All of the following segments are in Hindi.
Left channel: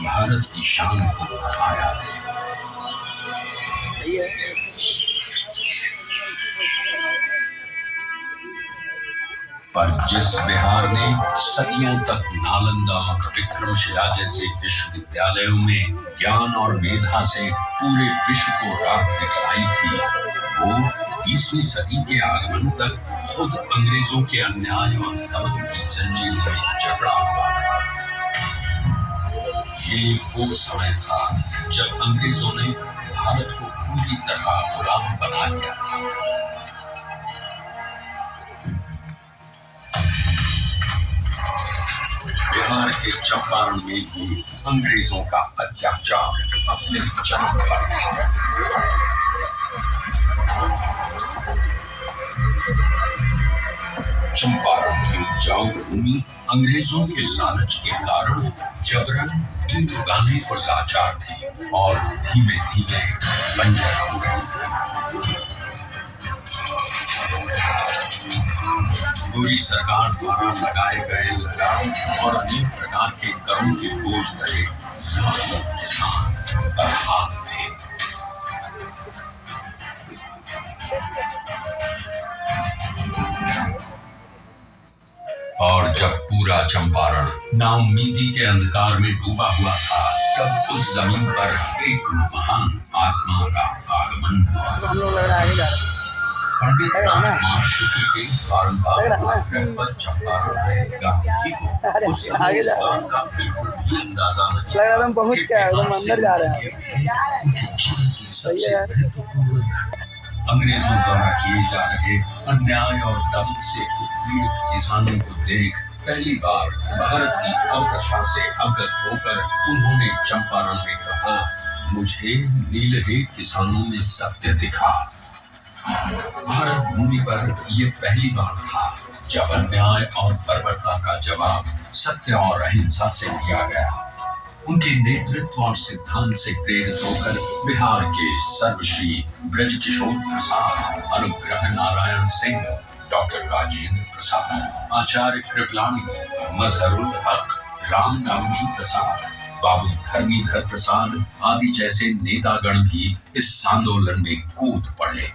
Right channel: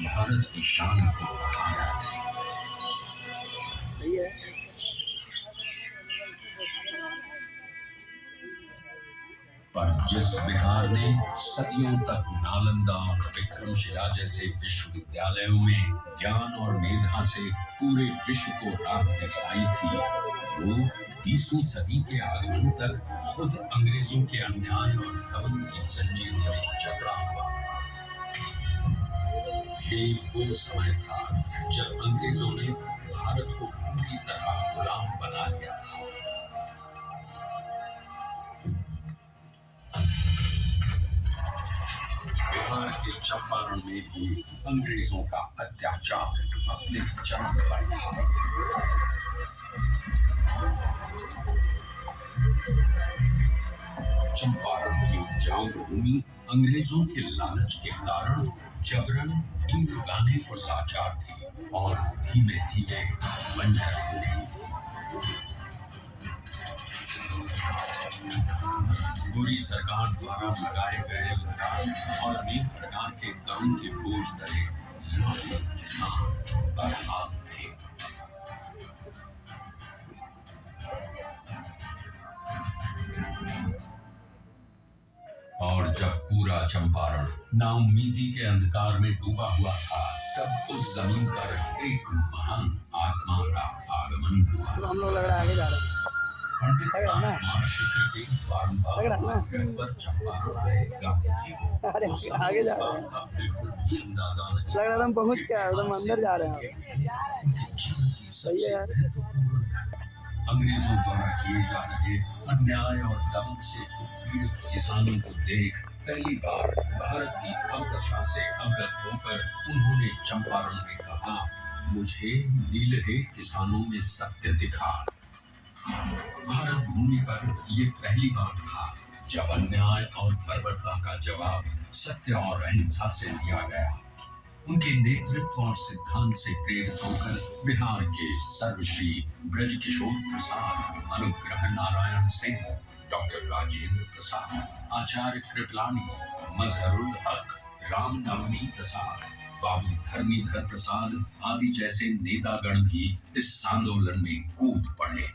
भारत की शान को बढ़ाया है। सही है। पर जिस बिहार ने सदियों तक नालंदा और विक्रमशिला जैसे विश्वविद्यालयों में ज्ञान और मेधा से पूरे विश्व को राह दिखाई थी, वो 20वीं सदी के आगमन तक खुद अंग्रेजों के अन्याय और दमन की जंजीर में जकड़ा हुआ था। ये वो समय था जब अंग्रेजों ने भारत को पूरी तरह गुलाम बना लिया था। बिहार के चंपारण में भी अंग्रेजों का अत्याचार अपने चरम पर था। चंपारण की उपजाऊ भूमि अंग्रेजों के लालच के कारण जबरन ईंट उगाने को लाचार थी और धीमे धीमे बंजर हो गई थी। पूरी सरकार द्वारा लगाए गए लगाम और अनेक प्रकार के करों के बोझ तले लाखों किसान बर्बाद थे। और जब पूरा चंपारण नाउम्मीदी के अंधकार में डूबा हुआ था, तब उस जमीन पर एक महान आत्मा का आगमन हुआ। पंडित रामकुमार शुक्ल के बारंबार आग्रह पर चंपारण आए गांधी को उस समय इस बात का बिल्कुल भी अंदाजा नहीं लग रहा पहुंच गया, एकदम अंदर जा रहे हैं। अंग्रेजों द्वारा किए जा रहे अन्याय और दमन से उत्पीड़ित किसानों को देख पहली बार भारत की अवदशा से अवगत होकर उन्होंने चंपारण में कहा, मुझे नीलहे किसानों में सत्य दिखा। भारत भूमि पर यह पहली बार था जब अन्याय और बर्बरता का जवाब सत्य और अहिंसा से दिया गया। उनके नेतृत्व और सिद्धांत से प्रेरित होकर बिहार के सर्वश्री ब्रजकिशोर प्रसाद, अनुग्रह नारायण सिंह, डॉक्टर राजेंद्र प्रसाद, आचार्य कृपलानी, मजहरुल हक, रामनवमी प्रसाद, बाबू धर्मीधर प्रसाद आदि जैसे नेतागण भी इस आंदोलन में कूद पड़े।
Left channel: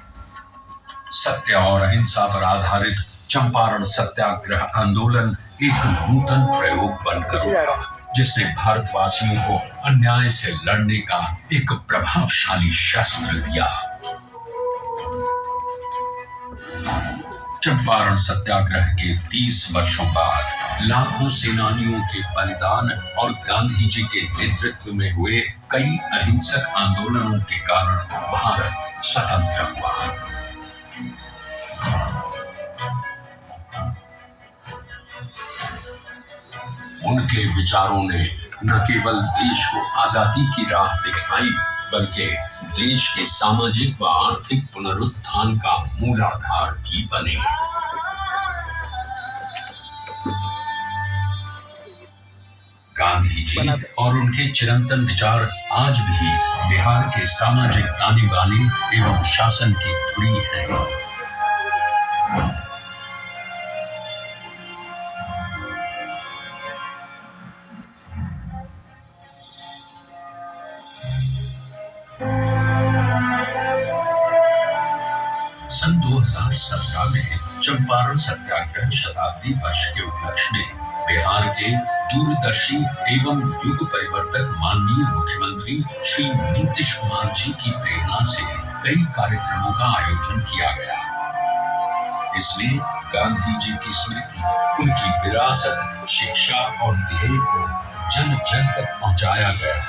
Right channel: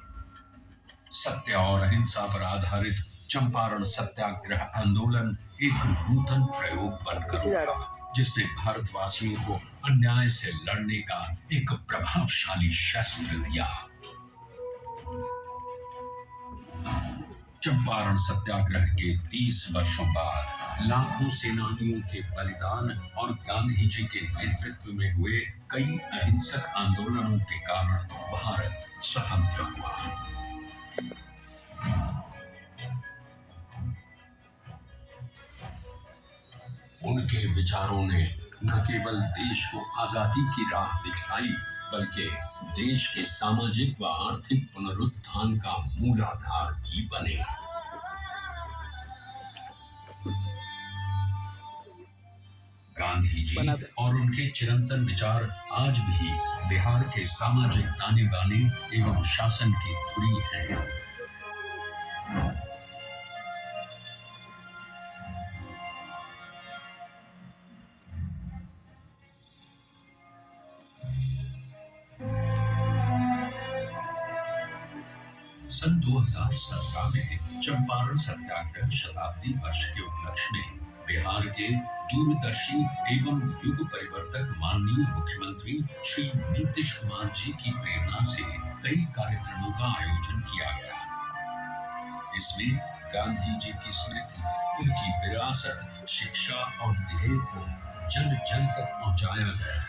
सत्य और अहिंसा पर आधारित चंपारण सत्याग्रह आंदोलन एक नूतन प्रयोग बनकर उभरा, जिसने भारतवासियों को अन्याय से लड़ने का एक प्रभावशाली शस्त्र दिया। चंपारण सत्याग्रह के 30 वर्षों बाद लाखों सेनानियों के बलिदान और गांधी जी के नेतृत्व में हुए कई अहिंसक आंदोलनों के कारण भारत स्वतंत्र हुआ। उनके विचारों ने न केवल देश को आजादी की राह दिखाई, बल्कि देश के सामाजिक व आर्थिक पुनरुत्थान का मूलाधार भी बने। गांधी जी और उनके चिरंतन विचार आज भी बिहार के सामाजिक ताने बाने एवं शासन की धुरी है। सन 2017 में चंपारण सत्याग्रह शताब्दी वर्ष के उपलक्ष्य में बिहार के दूरदर्शी एवं युग परिवर्तक माननीय मुख्यमंत्री श्री नीतीश कुमार जी की प्रेरणा से कई कार्यक्रमों का आयोजन किया गया। इसमें गांधी जी की स्मृति, उनकी विरासत, शिक्षा और ध्येय को जन जन तक पहुंचाया गया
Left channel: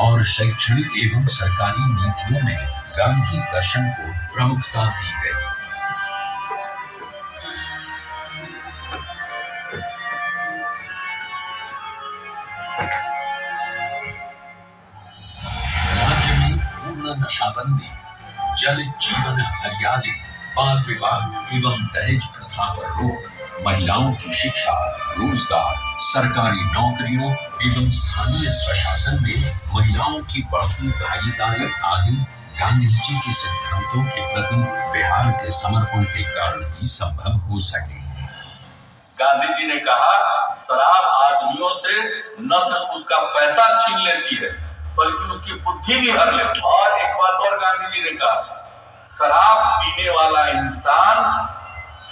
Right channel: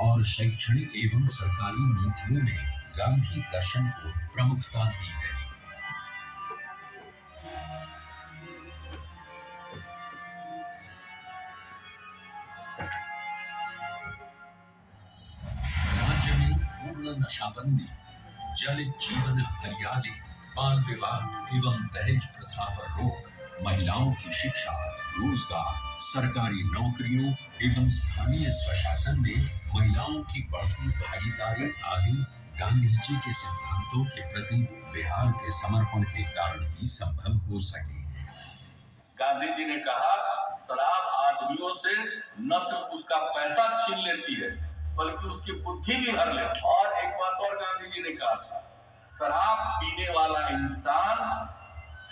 और शैक्षणिक एवं सरकारी नीतियों में गांधी दर्शन को प्रमुखता दी गई। राज्य में पूर्ण नशाबंदी, जल जीवन हरियाली, बाल विवाह एवं दहेज प्रथा पर रोक, महिलाओं की शिक्षा, रोजगार, सरकारी नौकरियों एवं स्थानीय स्वशासन में महिलाओं की बढ़ती भागीदारी आदि गांधी जी के सिद्धांतों के प्रति बिहार के समर्पण के कारण ही संभव हो सके। गांधी जी ने कहा, शराब आदमियों से न सिर्फ उसका पैसा छीन लेती है बल्कि उसकी बुद्धि भी हर लेती है। और एक बात और गांधी जी ने कहा, शराब पीने वाला इंसान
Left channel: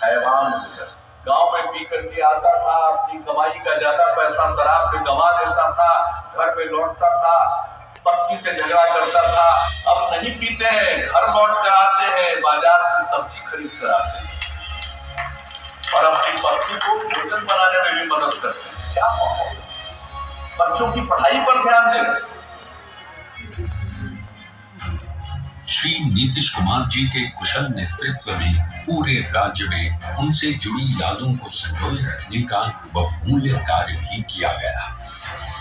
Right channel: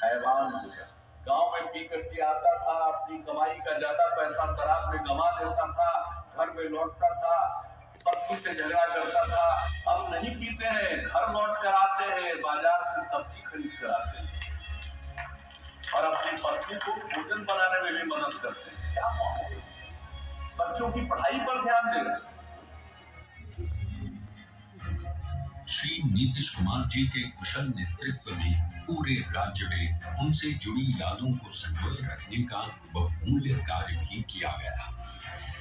हैवान हो जाए। गांव में पी करके आता था, अपनी कमाई का ज्यादा पैसा शराब में गंवा देता था, घर में लौटता था, पत्नी से झगड़ा करता था। अब नहीं पीते हैं, घर लौट कर आते हैं, बाजार से सब्जी खरीद कर आते हैं और अपनी पत्नी को भोजन बनाने में भी मदद करते हैं। क्या माहौल, बच्चों की पढ़ाई पर ध्यान दे रहे हैं। श्री नीतीश कुमार जी के कुशल नेतृत्व में पूरे राज्य में उनसे जुड़ी यादों को संजोए रखने का बहुमूल्य कार्य भी किया गया।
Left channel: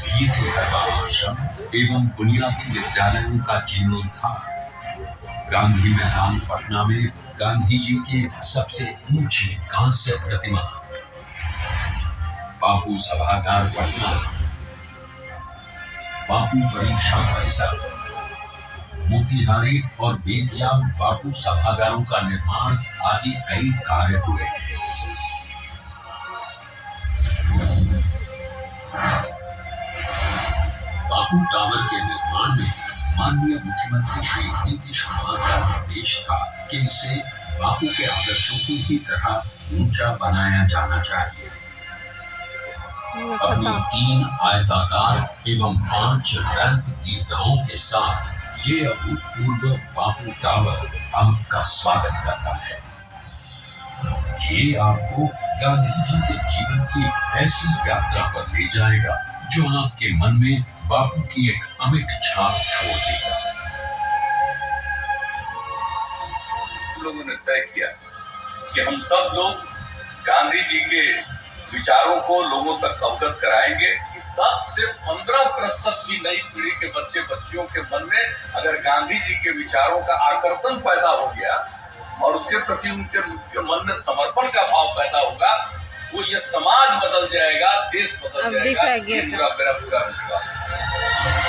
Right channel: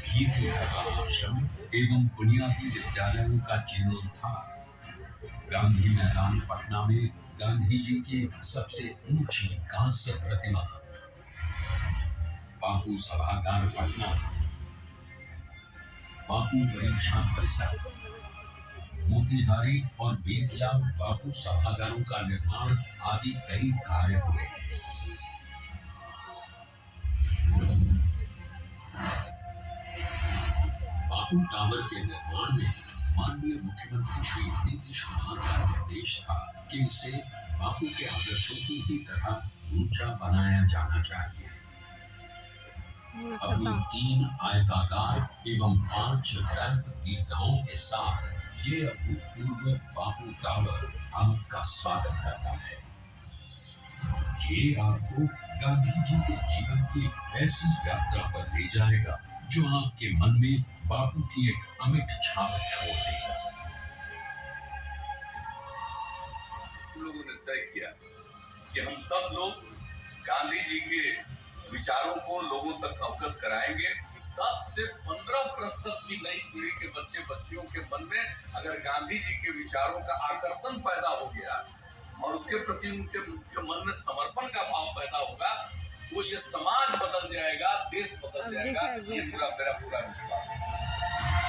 भीते आश्रम एवं बुनियादी विद्यालयों का जीर्णोद्धार, गांधी मैदान पटना में गांधी जी की सबसे ऊंची कांस्य प्रतिमा, बापू सभागार पटना, बापू परीक्षा परिसर, मोतिहारी और बेतिया बापू सभागारों का निर्माण आदि कई कार्य हुए। बापू टावर के निर्माण में माननीय मुख्यमंत्री श्री नीतीश कुमार का निर्देश था कि इसे बापू के आदर्शों की ही तरह ऊंचा बनाया जाना चाहिए। अपनी 3 आयताकार एवं 5 रैंप दीर्घाओं के साथ ये अभूतपूर्व बापू टावर आपका स्वागत करता है। ये आपको गांधी जी के जीवन की ऐसी यात्रा पर ले जाएगा जो आपके मन में बापू की एक अमिट छाप छोड़ देगा। लोगों ने तय किया कि हम सब लोग गांधी जी के विचारों को लोगों तक अवगत कराएंगे। 10 से 15% भी नई पीढ़ी के बच्चे बच्चियों के मन में अगर गांधी जी के विचारों का आकर्षण पैदा हो गया और उसके प्रति उनके मन में समर्पण का भाव पैदा होगा, वो ये समाज बदल जाएगा, देश बदल जाएगा। ये मेरा पूरा विश्वास है।